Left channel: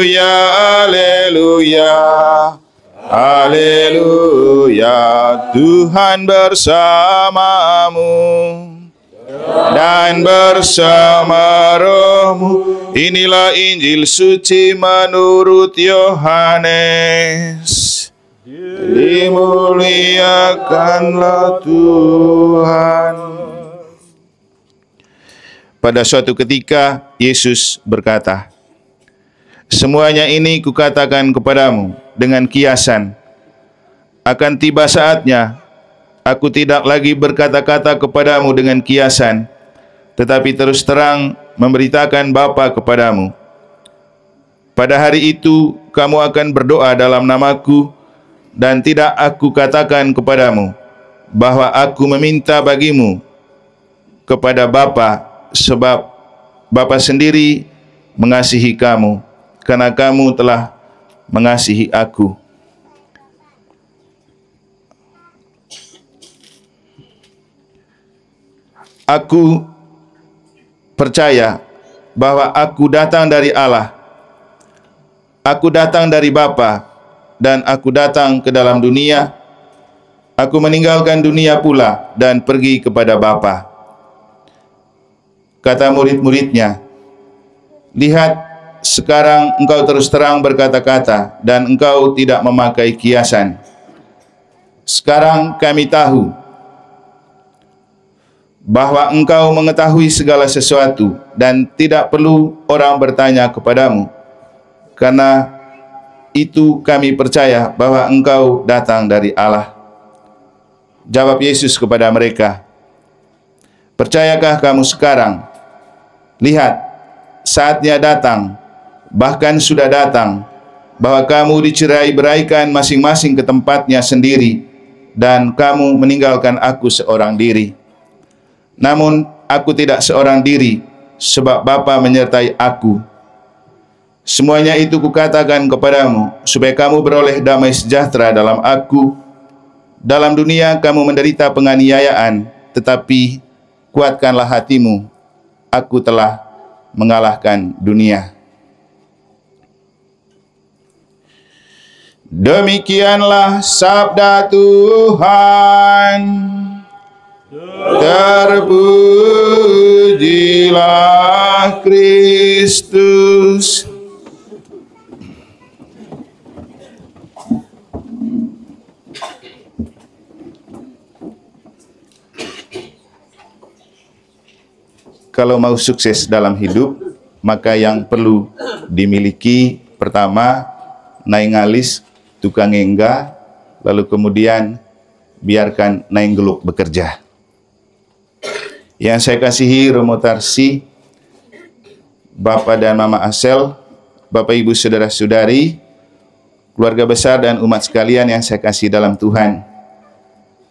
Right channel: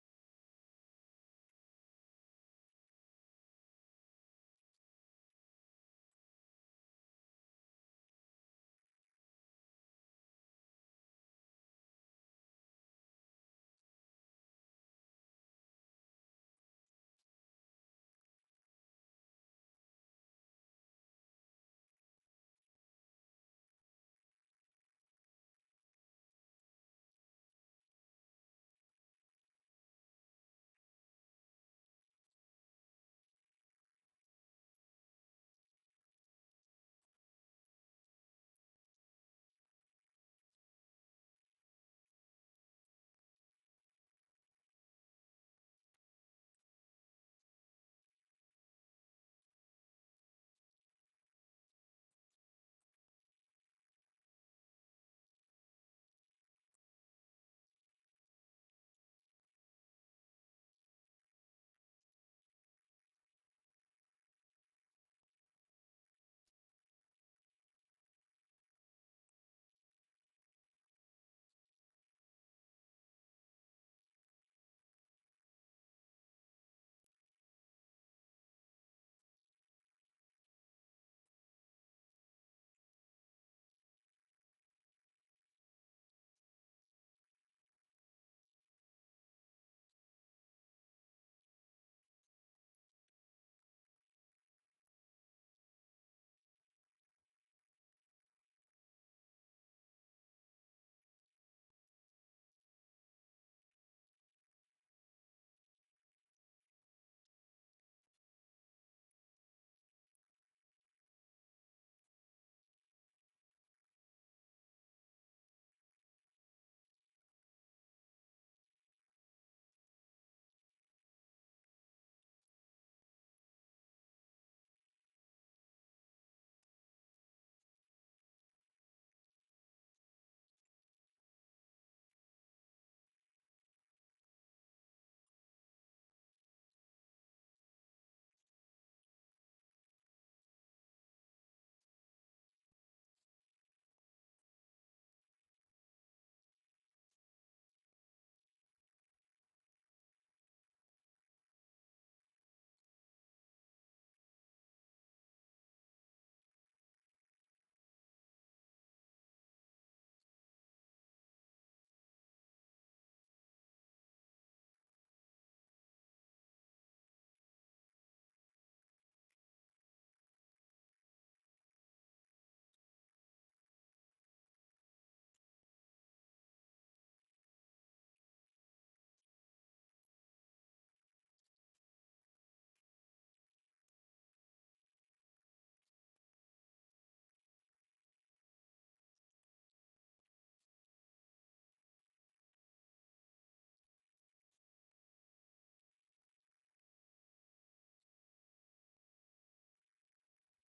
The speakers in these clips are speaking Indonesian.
haleluya, haleluya. Tuhan bersamamu dan bersama rohmu. Inilah Injil suci menurut Yohanes. Dimuliakanlah Tuhan. Pada suatu ketika Yesus berkata, semuanya ini kukatakan kepadamu dengan kiasan. Akan tiba saatnya aku tidak lagi berkata-kata kepadamu dengan kiasan, tetapi terus terang memberitakan Bapa kepadamu. Pada hari itu kamu akan berdoa dalam namaku, dan tidak aku katakan kepadamu bahwa aku meminta bagimu kepada Bapa, sebab Bapa sendiri mengasihi kamu, karena kamu telah mengasihi aku. Aku percaya bahwa aku datang dari Allah, aku datang dari Bapa, dan aku datang ke dalam dunia. Aku meninggalkan dunia pula dan pergi kepada Bapa. Kata murid-muridnya, lihat, sekarang engkau terus terang berkata-kata dan engkau tidak memakai kiasan. Sekarang kami tahu bahwa engkau mengetahui segala sesuatu dan tidak perlu orang bertanya kepadamu. Karena itu kami percaya bahwa engkau datang dari Allah. Jawab Yesus kepada mereka, percayakah kamu sekarang? Lihat, saatnya datang, bahkan sudah datang, bahwa kamu dicerai-beraikan masing-masing ke tempatnya sendiri, dan kamu meninggalkan aku seorang diri. Namun aku tidak seorang diri, sebab Bapa menyertai aku. Semuanya itu kukatakan kepadamu, supaya kamu beroleh damai sejahtera dalam aku. Dalam dunia kamu menderita penganiayaan, tetapi kuatkanlah hatimu, aku telah mengalahkan dunia. Demikianlah sabda Tuhan. Terpujilah Kristus. Kalau mau sukses dalam hidup, maka yang perlu dimiliki pertama, naing alis, tukang engga, lalu kemudian biarkan naing geluk bekerja. Yang saya kasihi Romo Tarsi, Bapak dan Mama Asel, Bapak Ibu Saudara-saudari, keluarga besar dan umat sekalian yang saya kasih dalam Tuhan.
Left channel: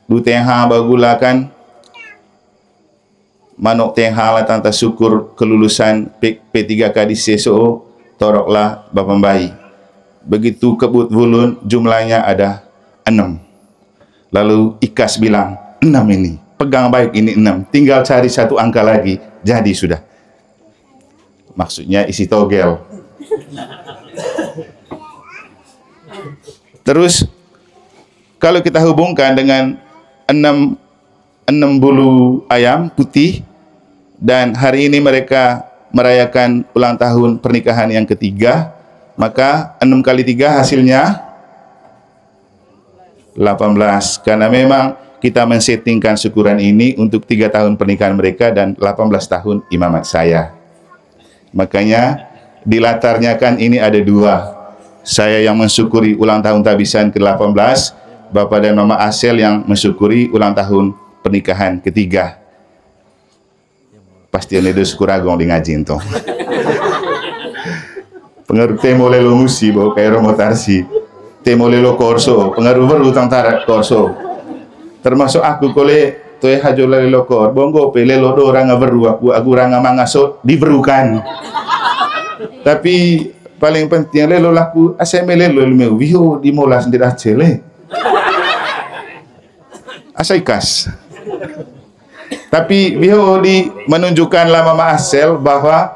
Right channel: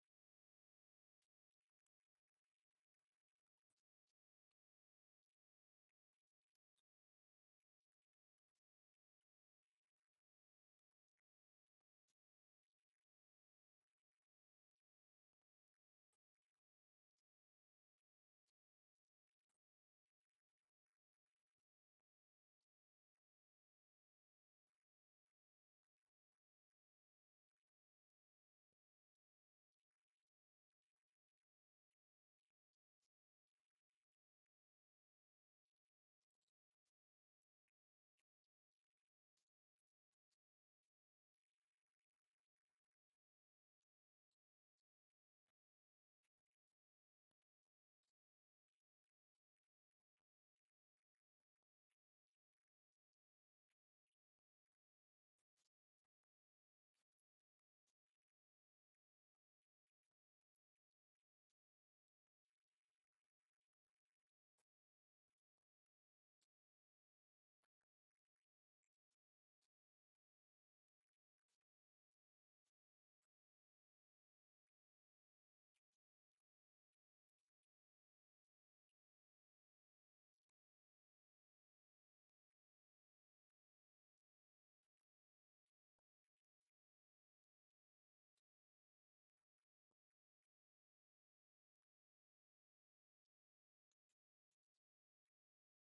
Du tengha bagulakan manuk tengha tanta syukur kelulusan P3K di CSO toroklah Bapak Bayi. Begitu kebut vulun jumlahnya ada 6. Lalu Ikas bilang 6 ini, pegang baik ini 6, tinggal cari satu angka lagi, jadi sudah. Maksudnya isi togel. Terus kalau kita hubungkan dengan 6 bulu ayam putih, dan hari ini mereka merayakan ulang tahun pernikahan yang ketiga, maka 6 kali 3 hasilnya 18. Karena memang kita men-settingkan syukuran ini untuk 3 tahun pernikahan mereka dan 18 tahun imamat saya. Makanya di latarnya kan ini ada 2. Saya yang mensyukuri ulang tahun tabisan ke-18, Bapak dan Mama Asel yang mensyukuri ulang tahun pernikahan ketiga. Pasti ada syukuragong di ngaji itu. Pengaruh temo lelo musi bawa kayak Romo Tarsi. Temo lelo korso, pengaruh berutang tarak korso. Termasuk aku kole toe hajo lelo kor, bongo pe lelo do ranga beru aku ranga mangaso diberukan. Tapi paling penting lelo laku aseme lelo meu wiho dimolas ndirah cele. Asaikas. Tapi biho di menunjukkanlah Mama Asel bahwa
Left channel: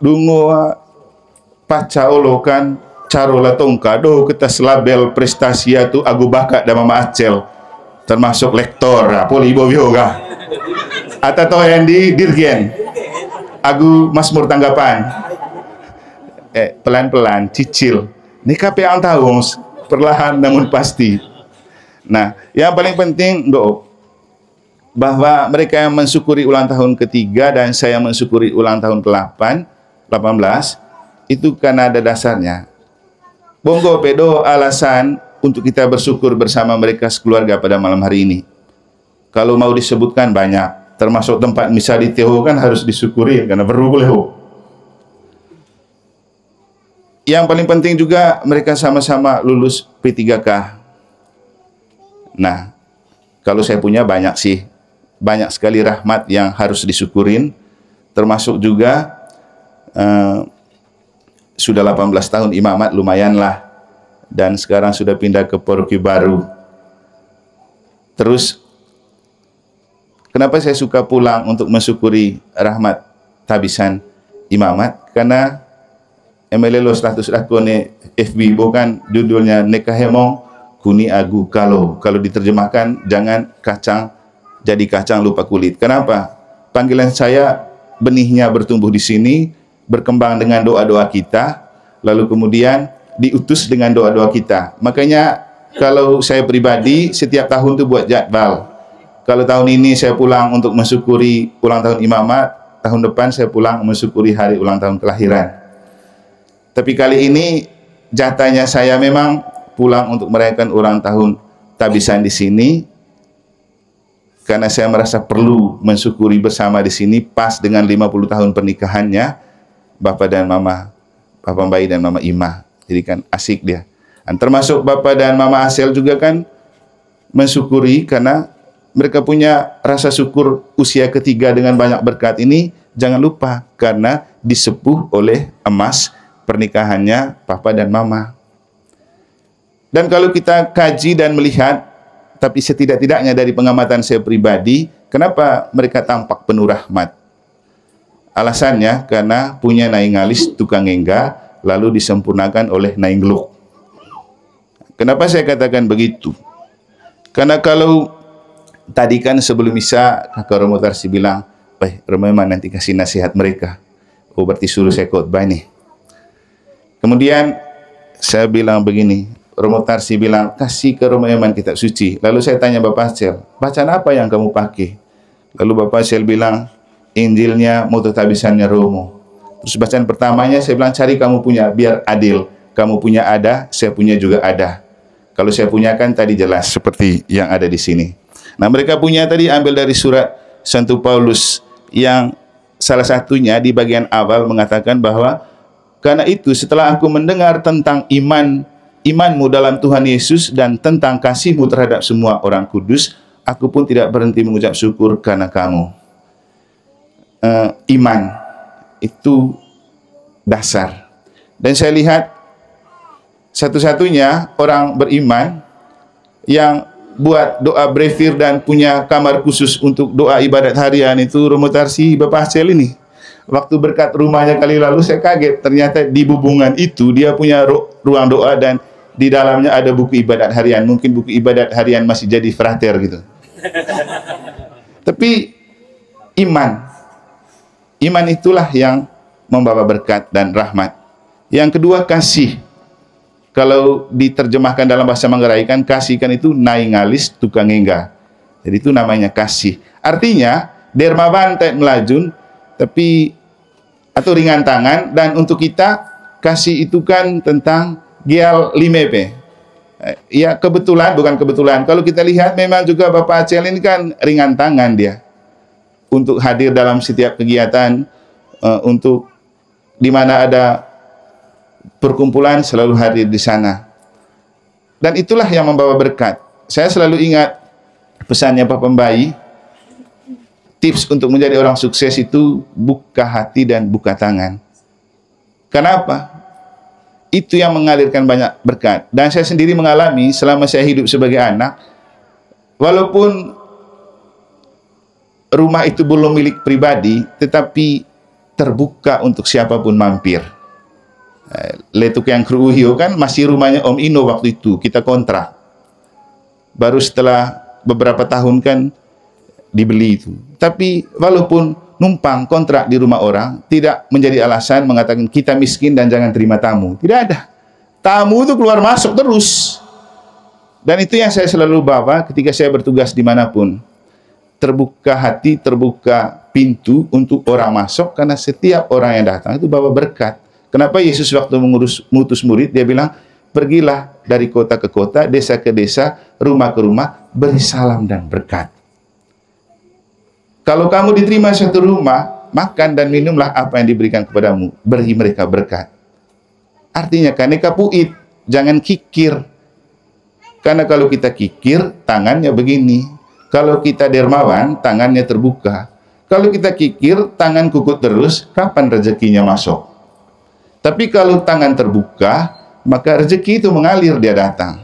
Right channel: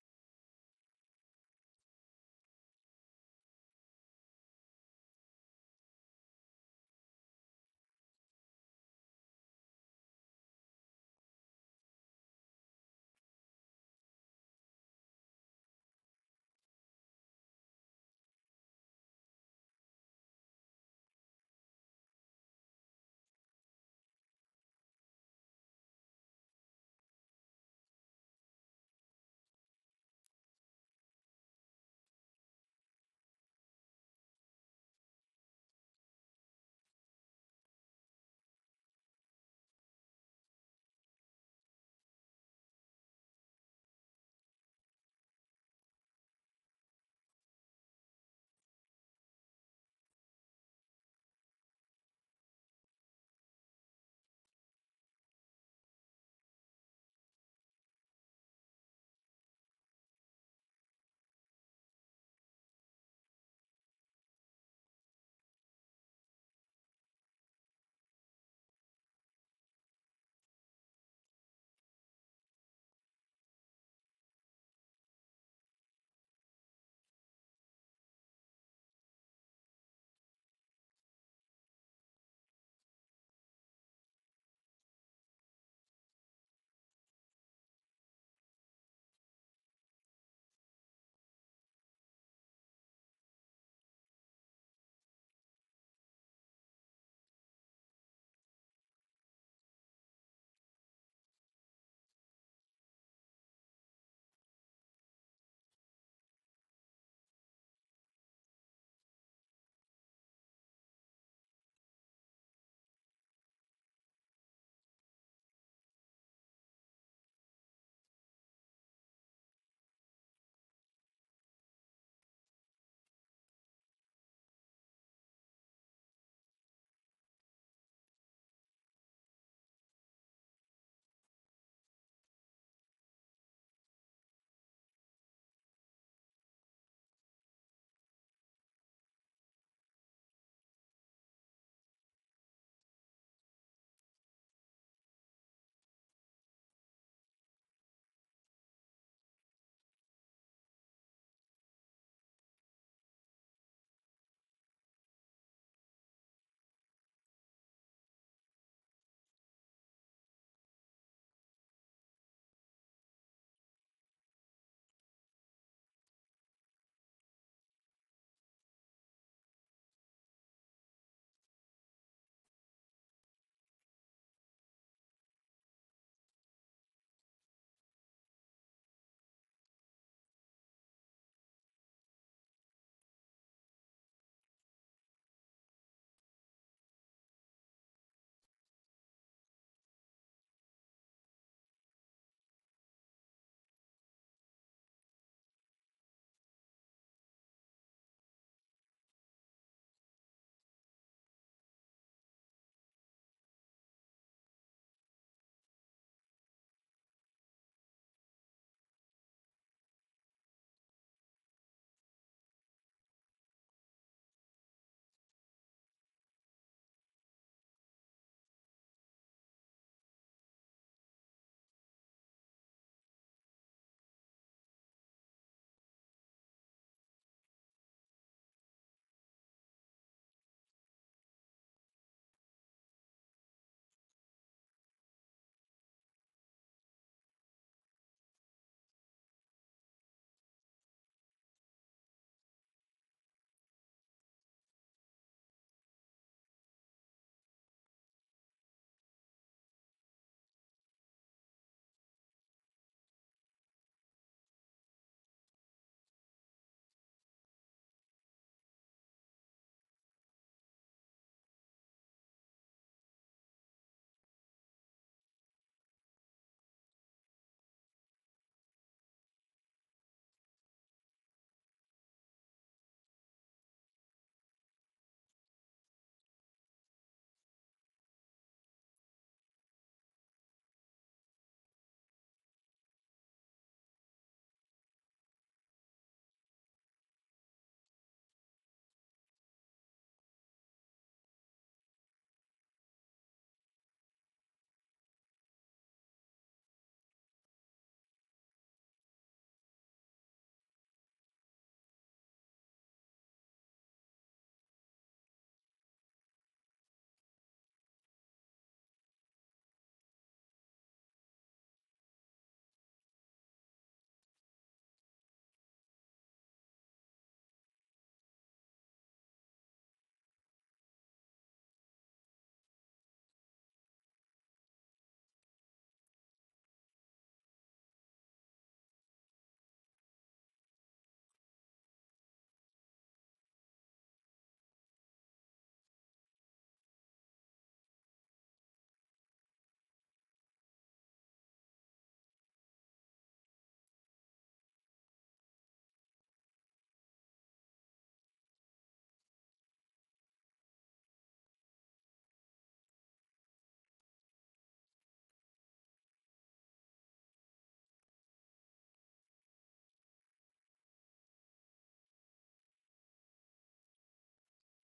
dungo pacaolokan carola tongka do kita label prestasi itu agu bakat dan mama acel termasuk lektor poli ibo yoga atau yang di dirgen agu masmur tanggapan pelan-pelan cicil ini kape yang tahu perlahan namun pasti. Nah yang paling penting do bahwa mereka yang mensyukuri ulang tahun ketiga dan saya mensyukuri ulang tahun ke-18 itu karena ada dasarnya. Bonggo pedo alasan untuk kita bersyukur bersama mereka sekeluarga pada malam hari ini. Kalau mau disebutkan banyak, termasuk tempat misa di Teho kan harus disyukuri karena perlu boleh. Yang paling penting juga mereka sama-sama lulus P3K. Nah, kalau saya punya banyak sih. Banyak sekali rahmat yang harus disyukurin, termasuk juga sudah 18 tahun imamat lumayanlah, dan sekarang sudah pindah ke paroki baru. Terus kenapa saya suka pulang untuk mensyukuri rahmat tabisan imamat? Karena emelelo status dakone FB bukan judulnya nekahemong kuni agu kalau diterjemahkan jangan kacang jadi kacang lupa kulit. Kenapa? Panggilan saya benihnya bertumbuh di sini, berkembang dengan doa-doa kita, lalu kemudian diutus dengan doa-doa kita. Makanya kalau saya pribadi setiap tahun itu buat jadwal. Kalau tahun ini saya pulang untuk mensyukuri ulang tahun imamat, tahun depan saya pulang mensyukuri hari ulang tahun kelahiran. Tapi kali ini jatahnya saya memang pulang untuk merayakan ulang tahun tabisan di sini. Karena saya merasa perlu mensyukuri bersama di sini pas dengan 50 tahun pernikahannya Bapak dan Mama, Papa Bayi dan Mama Ima. Jadi kan asik dia. Dan termasuk Bapak dan Mama Asel juga kan mensyukuri karena mereka punya rasa syukur usia ketiga dengan banyak berkat ini. Jangan lupa karena disepuh oleh emas pernikahannya Papa dan Mama. Dan kalau kita kaji dan melihat, tapi setidak-tidaknya dari pengamatan saya pribadi, kenapa mereka tampak penuh rahmat? Alasannya karena punya naing ngalis tukang engga, lalu disempurnakan oleh naing geluk. Kenapa saya katakan begitu? Karena kalau tadi kan sebelum misa, Kakak Romo Tarsi bilang, Romo memang nanti kasih nasihat mereka. Oh berarti suruh saya khotbah nih. Kemudian saya bilang begini, Romo Tarsi bilang, kasih ke Romo Eman kitab suci. Lalu saya tanya Bapak Acel, bacaan apa yang kamu pakai? Lalu Bapak Acel bilang, Injilnya, moto tabisannya Romo. Terus bacaan pertamanya saya bilang, cari kamu punya, biar adil. Kamu punya ada, saya punya juga ada. Kalau saya punya kan tadi jelas, seperti yang ada di sini. Nah mereka punya tadi ambil dari surat Santo Paulus, yang salah satunya di bagian awal mengatakan bahwa, karena itu setelah aku mendengar tentang imanmu dalam Tuhan Yesus dan tentang kasihmu terhadap semua orang kudus, aku pun tidak berhenti mengucap syukur karena kamu. Iman itu dasar. Dan saya lihat satu-satunya orang beriman yang buat doa brevir dan punya kamar khusus untuk doa ibadat harian itu Romo Tarsi Bapak Acel ini. Waktu berkat rumahnya kali lalu saya kaget, ternyata di bubungan itu dia punya ruang doa dan di dalamnya ada buku ibadat harian. Mungkin buku ibadat harian masih jadi frater gitu. Tapi iman itulah yang membawa berkat dan rahmat. Yang kedua kasih. Kalau diterjemahkan dalam bahasa Manggarai kan kasih kan itu naingalis tukang engga. Jadi itu namanya kasih. Artinya dermawan tek melajun tapi atau ringan tangan, dan untuk kita kasih itu kan tentang Gial Limepe. Ya kebetulan, bukan kebetulan. Kalau kita lihat memang juga Bapak Acel ini kan ringan tangan dia. Untuk hadir dalam setiap kegiatan, untuk di mana ada perkumpulan selalu hadir di sana. Dan itulah yang membawa berkat. Saya selalu ingat pesannya Pak Pembayi, tips untuk menjadi orang sukses itu buka hati dan buka tangan. Kenapa? Itu yang mengalirkan banyak berkat. Dan saya sendiri mengalami selama saya hidup sebagai anak, walaupun rumah itu belum milik pribadi, tetapi terbuka untuk siapapun mampir. Letuk yang Kruuhio kan masih rumahnya Om Ino waktu itu, kita kontrak. Baru setelah beberapa tahun kan dibeli itu. Tapi walaupun numpang kontrak di rumah orang, tidak menjadi alasan mengatakan kita miskin dan jangan terima tamu. Tidak ada. Tamu itu keluar masuk terus. Dan itu yang saya selalu bawa ketika saya bertugas dimanapun. Terbuka hati, terbuka pintu untuk orang masuk, karena setiap orang yang datang itu bawa berkat. Kenapa Yesus waktu mengutus murid, dia bilang, pergilah dari kota ke kota, desa ke desa, rumah ke rumah, beri salam dan berkat. Kalau kamu diterima satu rumah, makan dan minumlah apa yang diberikan kepadamu, beri mereka berkat. Artinya, kaneka puit, jangan kikir. Karena kalau kita kikir, tangannya begini. Kalau kita dermawan, tangannya terbuka. Kalau kita kikir, tangan kukut terus, kapan rezekinya masuk? Tapi kalau tangan terbuka, maka rezeki itu mengalir, dia datang.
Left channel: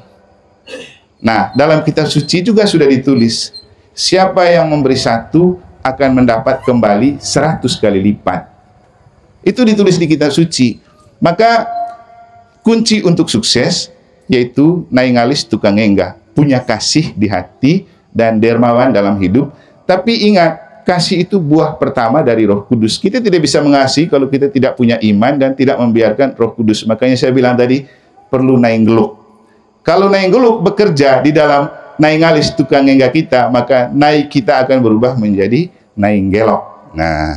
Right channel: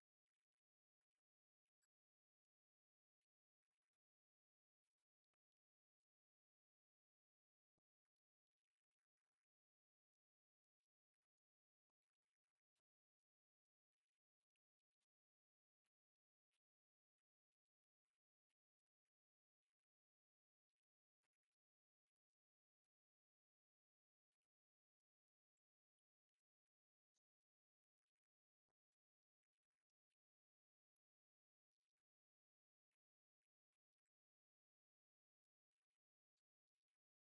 Nah, dalam kitab suci juga sudah ditulis, siapa yang memberi satu akan mendapat kembali 100 kali lipat. Itu ditulis di kitab suci. Maka kunci untuk sukses yaitu naingalis tukang enggah, punya kasih di hati dan dermawan dalam hidup. Tapi ingat, kasih itu buah pertama dari Roh Kudus. Kita tidak bisa mengasihi kalau kita tidak punya iman dan tidak membiarkan Roh Kudus. Makanya saya bilang tadi, perlu nainggeluk. Kalau nainggeluk bekerja di dalam naingalis tukang enggak kita, maka naik kita akan berubah menjadi nainggelok. Nah,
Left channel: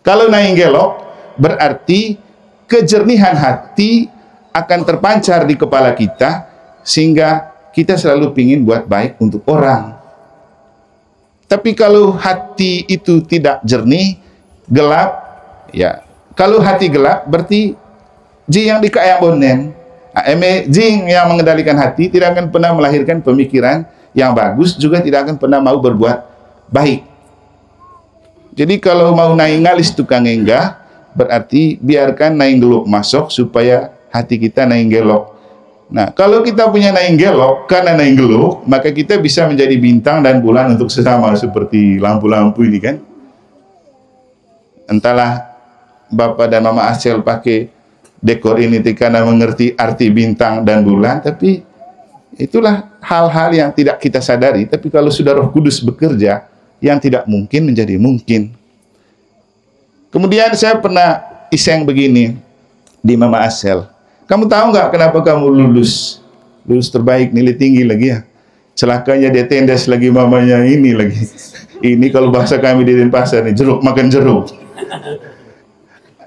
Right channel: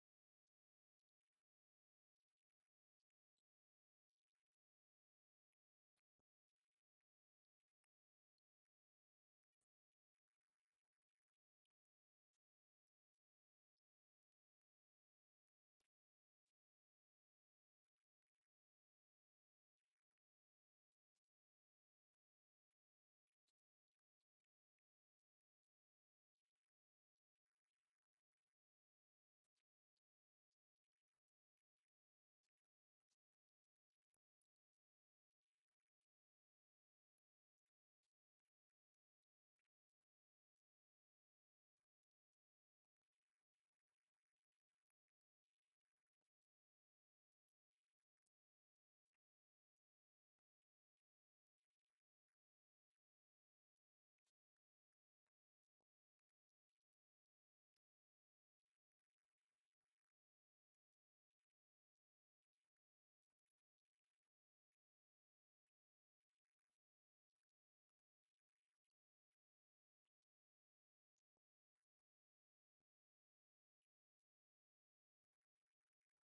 kalau nainggelok berarti kejernihan hati akan terpancar di kepala kita, sehingga kita selalu ingin buat baik untuk orang. Tapi kalau hati itu tidak jernih, gelap, ya. Kalau hati gelap, berarti jing yang dikaya bonen. Jing yang mengendalikan hati tidak akan pernah melahirkan pemikiran yang bagus, juga tidak akan pernah mau berbuat baik. Jadi kalau mau naingalis tukang enggah, berarti biarkan nainggelok masuk supaya hati kita nainggelok. Nah, kalau kita punya nainggelok karena nainggelok, maka kita bisa menjadi bintang dan bulan untuk sesama, seperti lampu-lampu ini kan. Entahlah Bapak dan Mama Acel pakai dekor ini karena mengerti arti bintang dan bulan, tapi itulah hal-hal yang tidak kita sadari. Tapi kalau sudah Roh Kudus bekerja, yang tidak mungkin menjadi mungkin. Kemudian saya pernah iseng begini di Mama Acel. Kamu tahu nggak kenapa kamu lulus terbaik, nilai tinggi lagi ya? Celakanya dia tendes lagi mamanya ini lagi. Ini kalau bahasa kami di Denpasar nih, jeruk makan jeruk.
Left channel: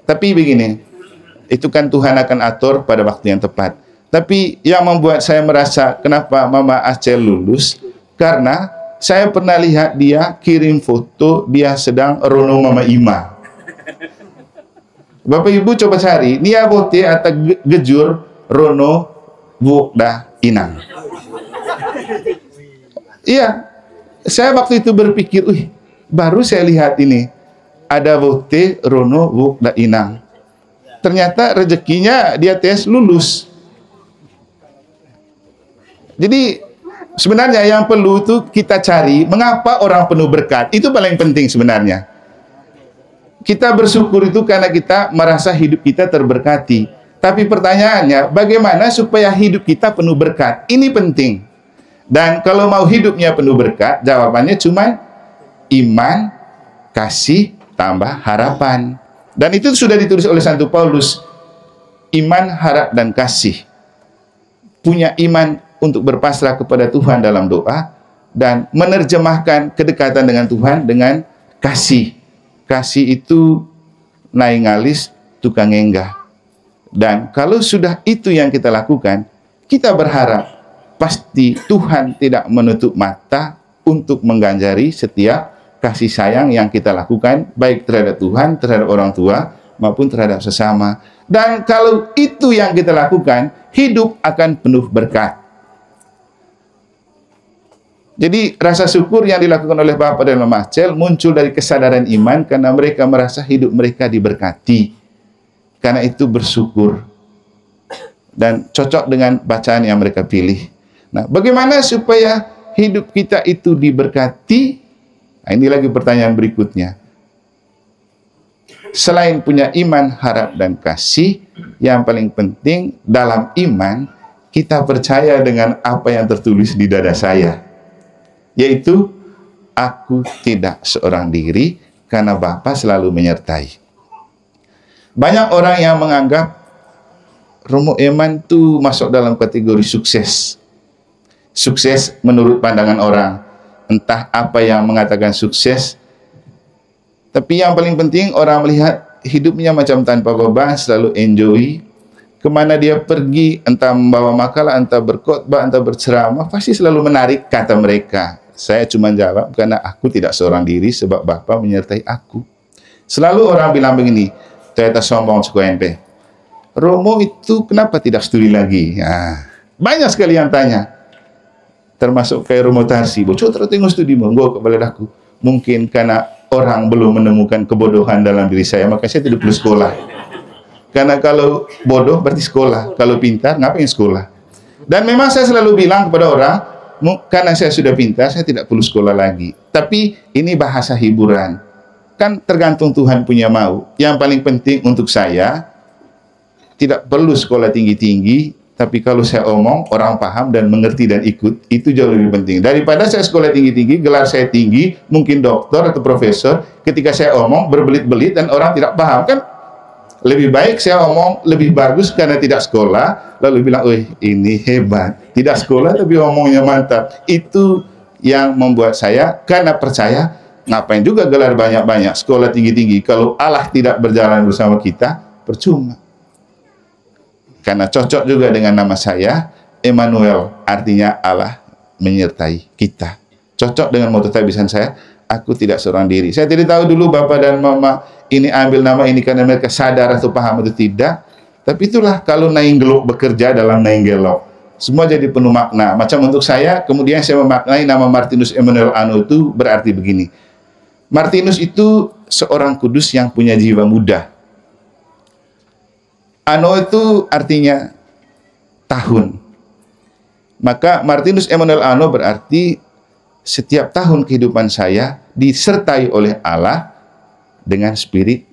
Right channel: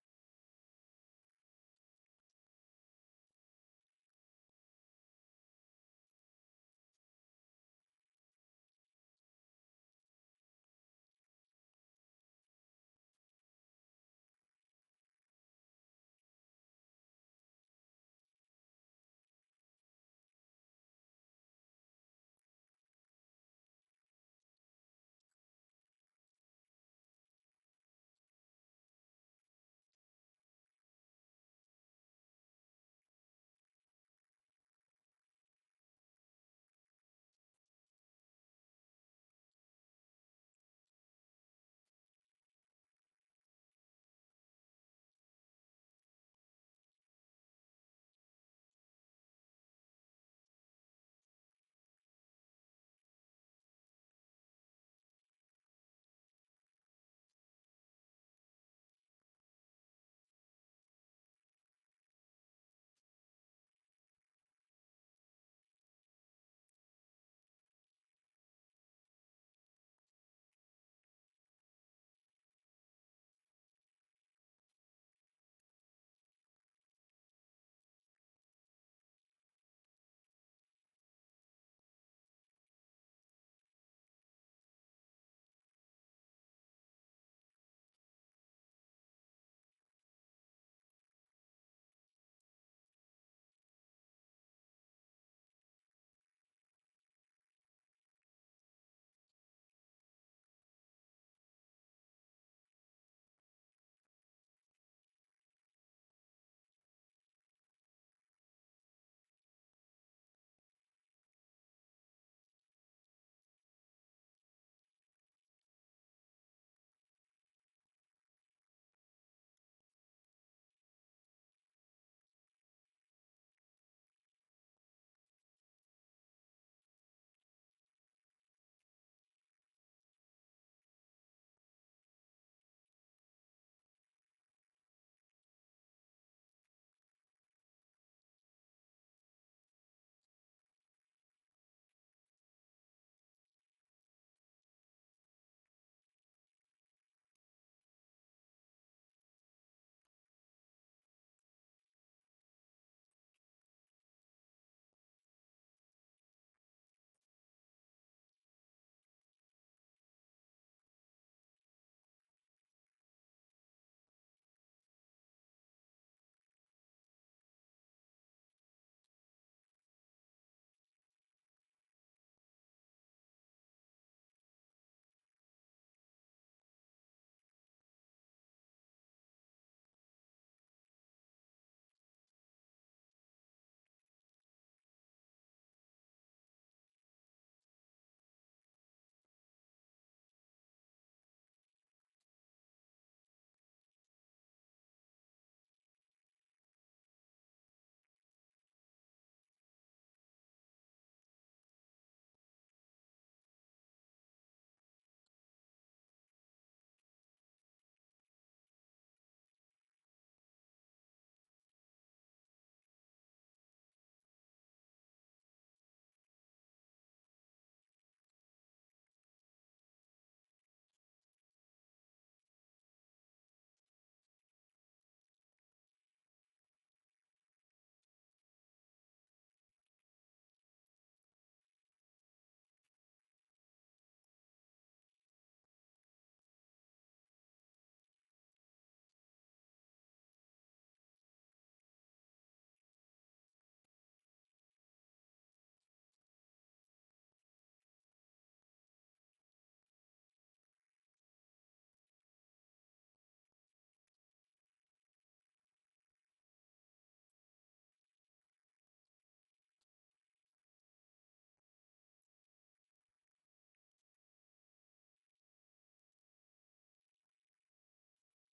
Tapi begini, itu kan Tuhan akan atur pada waktu yang tepat. Tapi yang membuat saya merasa kenapa Mama Acel lulus, karena saya pernah lihat dia kirim foto dia sedang rono Mama Ima. Bapak Ibu coba cari, Nia Bote atau Gejur Rono Wukda Inang. Iya, saya waktu itu berpikir, baru saya lihat ini, ada Bote Rono Wukda Inang. Ternyata rezekinya dia tes lulus. Jadi sebenarnya yang perlu itu kita cari, mengapa orang penuh berkat, itu paling penting sebenarnya. Kita bersyukur itu karena kita merasa hidup kita terberkati. Tapi pertanyaannya, bagaimana supaya hidup kita penuh berkat? Ini penting. Dan kalau mau hidupnya penuh berkat, jawabannya cuma iman, kasih, tambah harapan. Dan itu sudah ditulis oleh Santo Paulus. Iman, harap, dan kasih. Punya iman untuk berpasrah kepada Tuhan dalam doa, dan menerjemahkan kedekatan dengan Tuhan dengan kasih. Kasih itu naingalis tukang enggah. Dan kalau sudah itu yang kita lakukan, kita berharap pasti Tuhan tidak menutup mata untuk mengganjari setiap kasih sayang yang kita lakukan, baik terhadap Tuhan, terhadap orang tua, maupun terhadap sesama. Dan kalau itu yang kita lakukan, hidup akan penuh berkat. Jadi rasa syukur yang dilakukan oleh Bapak dan Mama Acel muncul dari kesadaran iman karena mereka merasa hidup mereka diberkati. Karena itu bersyukur. Dan cocok dengan bacaan yang mereka pilih. Nah, bagaimana supaya hidup kita itu diberkati? Nah, ini lagi pertanyaan berikutnya. Selain punya iman, harap, dan kasih, yang paling penting dalam iman, kita percaya dengan apa yang tertulis di dada saya. Yaitu, aku tidak seorang diri, karena Bapa selalu menyertai. Banyak orang yang menganggap Romo Eman itu masuk dalam kategori sukses. Sukses menurut pandangan orang. Entah apa yang mengatakan sukses. Tapi yang paling penting orang melihat hidupnya macam tanpa beban, selalu enjoy. Kemana dia pergi, entah membawa makalah, entah berkhotbah, entah berceramah, pasti selalu menarik kata mereka. Saya cuma jawab, karena aku tidak seorang diri sebab Bapa menyertai aku. Selalu orang bilang begini, ternyata sombong sekuente. Romo itu kenapa tidak studi lagi? Nah, banyak sekali yang tanya. Termasuk kayak Romo Tarsi. Bocor tengok studi monggo kepada aku. Mungkin karena orang belum menemukan kebodohan dalam diri saya, maka saya tidak perlu sekolah. Karena kalau bodoh berarti sekolah. Kalau pintar, ngapain sekolah? Dan memang saya selalu bilang kepada orang, karena saya sudah pintar, saya tidak perlu sekolah lagi. Tapi ini bahasa hiburan. Kan tergantung Tuhan punya mau. Yang paling penting untuk saya, tidak perlu sekolah tinggi-tinggi, tapi kalau saya omong, orang paham dan mengerti dan ikut, itu jauh lebih penting. Daripada saya sekolah tinggi-tinggi, gelar saya tinggi, mungkin doktor atau profesor, ketika saya omong berbelit-belit dan orang tidak paham. Kan lebih baik saya omong lebih bagus karena tidak sekolah, lalu bilang, "Oh, ini hebat. Tidak sekolah tapi omongnya mantap." Itu yang membuat saya, karena percaya, ngapain juga gelar banyak-banyak, sekolah tinggi-tinggi, kalau Allah tidak berjalan bersama kita, percuma. Karena cocok juga dengan nama saya, Emmanuel, artinya Allah menyertai kita. Cocok dengan moto tabisan saya, aku tidak seorang diri. Saya tidak tahu dulu Bapak dan Mama ini ambil nama ini karena mereka sadar atau paham atau tidak. Tapi itulah kalau Nainggelok bekerja dalam Nainggelok. Semua jadi penuh makna. Macam untuk saya, kemudian saya memaknai nama Martinus Emmanuel Ano itu berarti begini. Martinus itu seorang kudus yang punya jiwa muda. Ano itu artinya tahun. Maka Martinus Emmanuel Ano berarti setiap tahun kehidupan saya disertai oleh Allah dengan spirit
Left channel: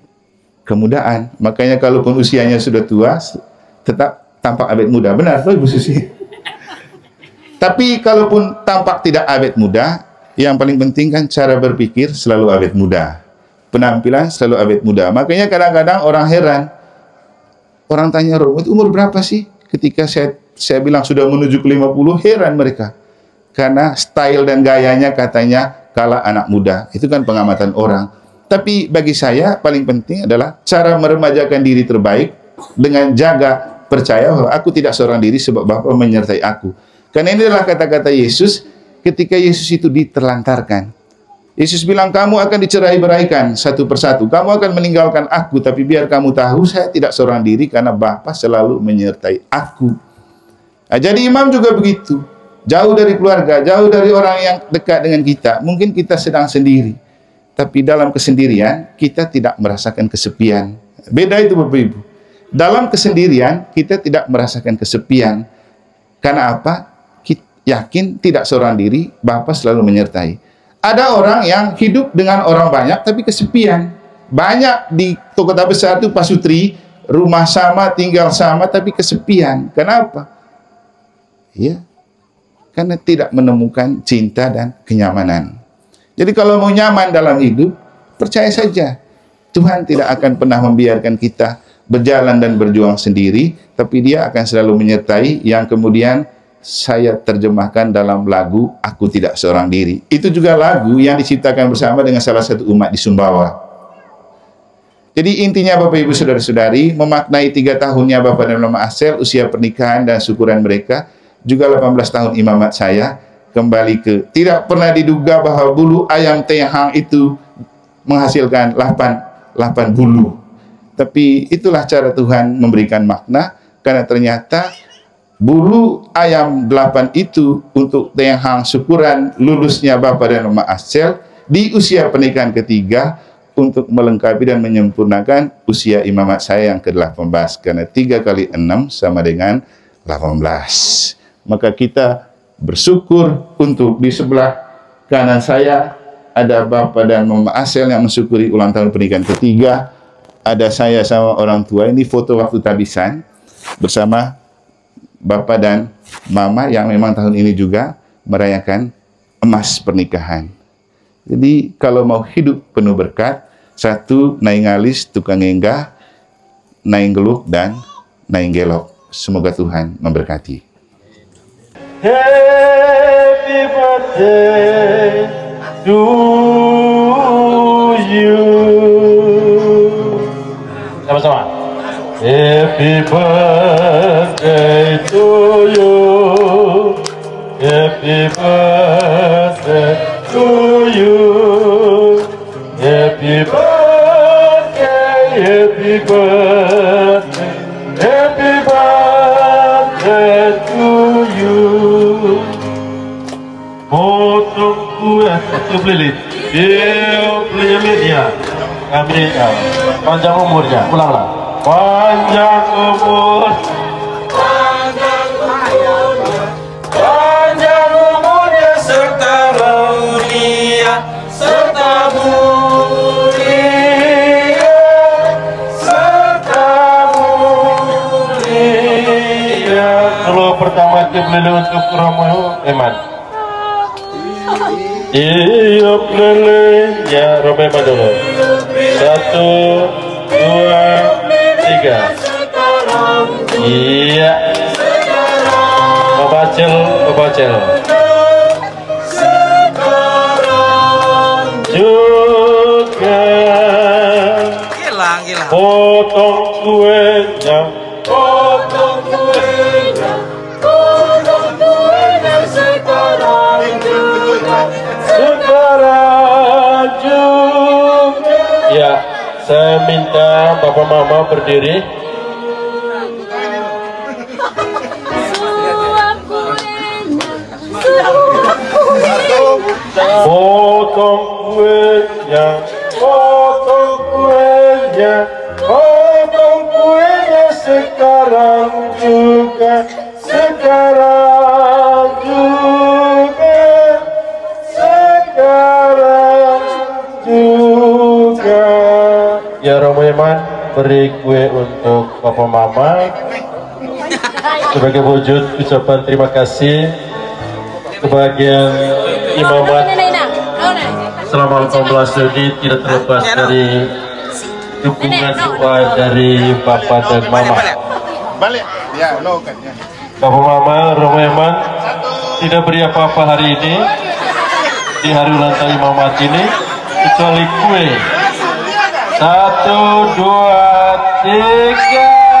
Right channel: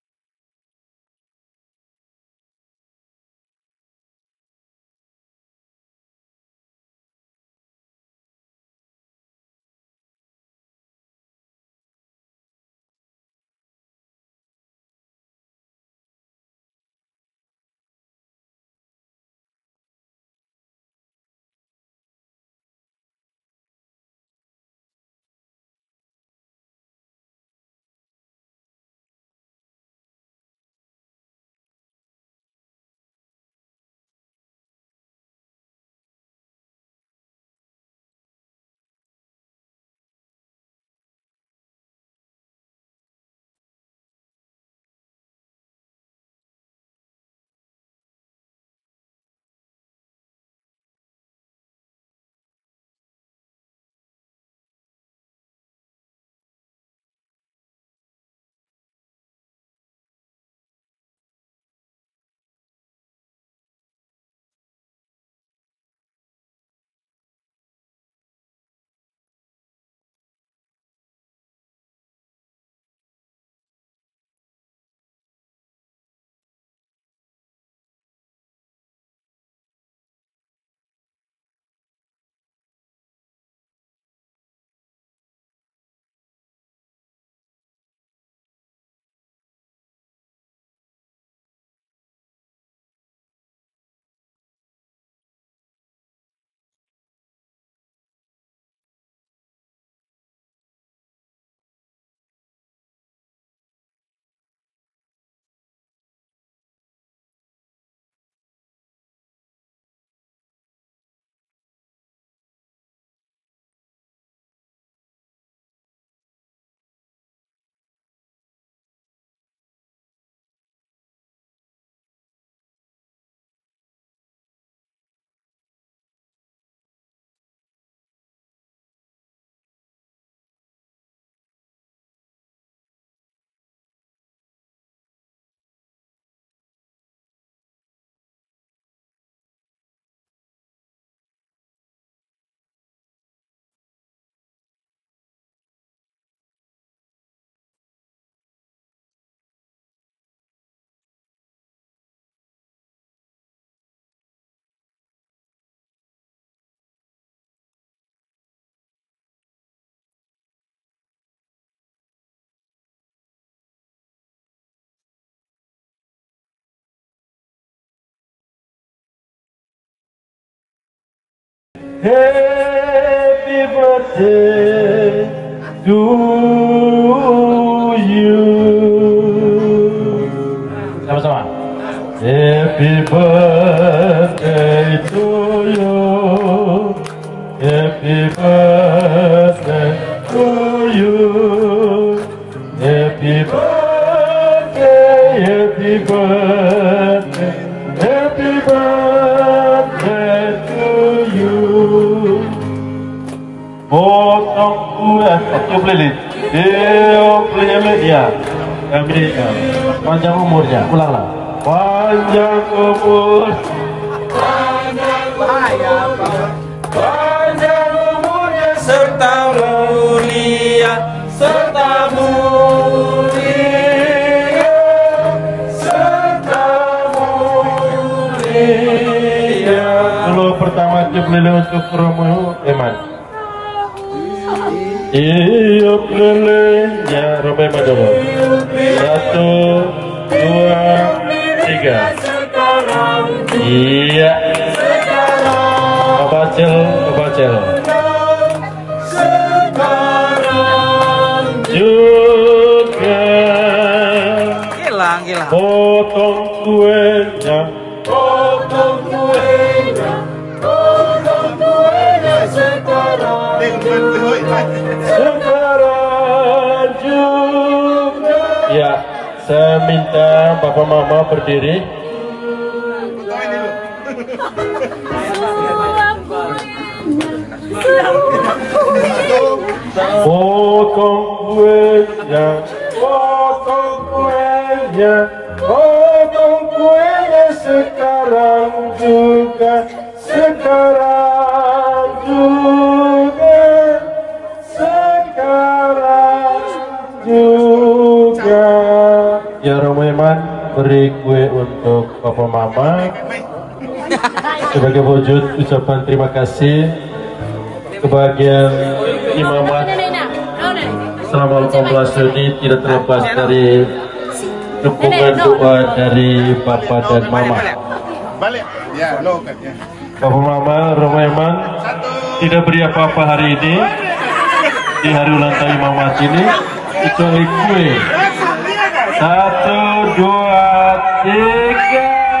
kemudaan. Makanya kalaupun usianya sudah tua, tetap tampak awet muda. Benar tuh Ibu Susi? Tapi kalaupun tampak tidak awet muda, yang paling penting kan cara berpikir selalu awet muda. Penampilan selalu awet muda. Makanya kadang-kadang orang heran. Orang tanya, Romo itu umur berapa sih? Ketika saya bilang sudah menuju ke 50, heran mereka. Karena style dan gayanya katanya kalah anak muda. Itu kan pengamatan orang. Tapi bagi saya paling penting adalah cara meremajakan diri terbaik dengan jaga percaya bahwa aku tidak seorang diri sebab Bapa menyertai aku. Karena ini adalah kata-kata Yesus ketika Yesus itu diterlantarkan. Yesus bilang, kamu akan dicerai-beraikan satu persatu. Kamu akan meninggalkan aku, tapi biar kamu tahu saya tidak seorang diri karena Bapa selalu menyertai aku. Nah, jadi imam juga begitu. Jauh dari keluarga, jauh dari orang yang dekat dengan kita. Mungkin kita sedang sendiri. Tapi dalam kesendirian, kita tidak merasakan kesepian. Beda itu Bapak Ibu. Dalam kesendirian, kita tidak merasakan kesepian. Karena apa? Kita yakin tidak seorang diri, Bapa selalu menyertai. Ada orang yang hidup dengan orang banyak, tapi kesepian. Banyak di kota besar itu pasutri, rumah sama, tinggal sama, tapi kesepian. Kenapa? Ya, karena tidak menemukan cinta dan kenyamanan. Jadi kalau mau nyaman dalam hidup, percaya saja. Tuhan tidak akan pernah membiarkan kita berjalan dan berjuang sendiri, tapi Dia akan selalu menyertai, yang kemudian saya terjemahkan dalam lagu Aku Tidak Seorang Diri. Itu juga lagu yang diciptakan bersama dengan salah satu umat di Sumbawa. Jadi intinya Bapak Ibu Saudara-saudari, memaknai 3 tahunnya Bapak dan Mama Asel, usia pernikahan dan syukuran mereka, juga 18 tahun imamat saya, kembali ke tidak pernah diduga bahwa bulu ayam tehang itu menghasilkan 8 bulu. Tapi itulah cara Tuhan memberikan makna, karena ternyata bulu ayam 8 itu untuk tehang syukuran lulusnya Bapak dan Mama Asel di usia pernikahan ketiga, untuk melengkapi dan menyempurnakan usia imamat saya yang ke-18. Karena 3 kali 6 sama dengan 18. Maka kita bersyukur untuk di sebelah kanan saya ada Bapak dan Mama Asel yang mensyukuri ulang tahun pernikahan ketiga. ada saya sama orang tua. Ini foto waktu tabisan bersama Bapak dan Mama yang memang tahun ini juga merayakan emas pernikahan. Jadi kalau mau hidup penuh berkat, satu, naing alis, tukang enggah, naing geluk, dan naing gelok. Semoga Tuhan memberkati. Happy birthday to you. Sama-sama. Happy birthday to you. Happy birthday to you. Happy birthday, happy birthday, happy birthday to you. Potong kue satu pelilit. Dia kami panjang umurnya. Ulanglah. Panjang umur. Panjang umurnya serta mulia, serta mulia, serta mulia. Dulu pertama kebeli untuk Romo Eman. Iya lele ya Romo Eman dulu. 1, 2, 3. Iya. Babacel. Juga Gilang potong kuenya sekarang juga. Ya, saya minta Bapak Mama berdiri. Potong kuenya, potong kuenya, potong kuenya sekarang juga, sekarang juga, sekarang juga. Ya Romo Eman, beri kue untuk Papa Mama sebagai wujud ucapan terima kasih. Kebahagiaan imamat selama 18 ini tidak terlepas dari dukungan doa dari Bapak dan Mama. Bapak Mama, Romo Eman tidak beri apa-apa hari ini di hari ulang tahun imamat ini kecuali kue. 1, 2, 3.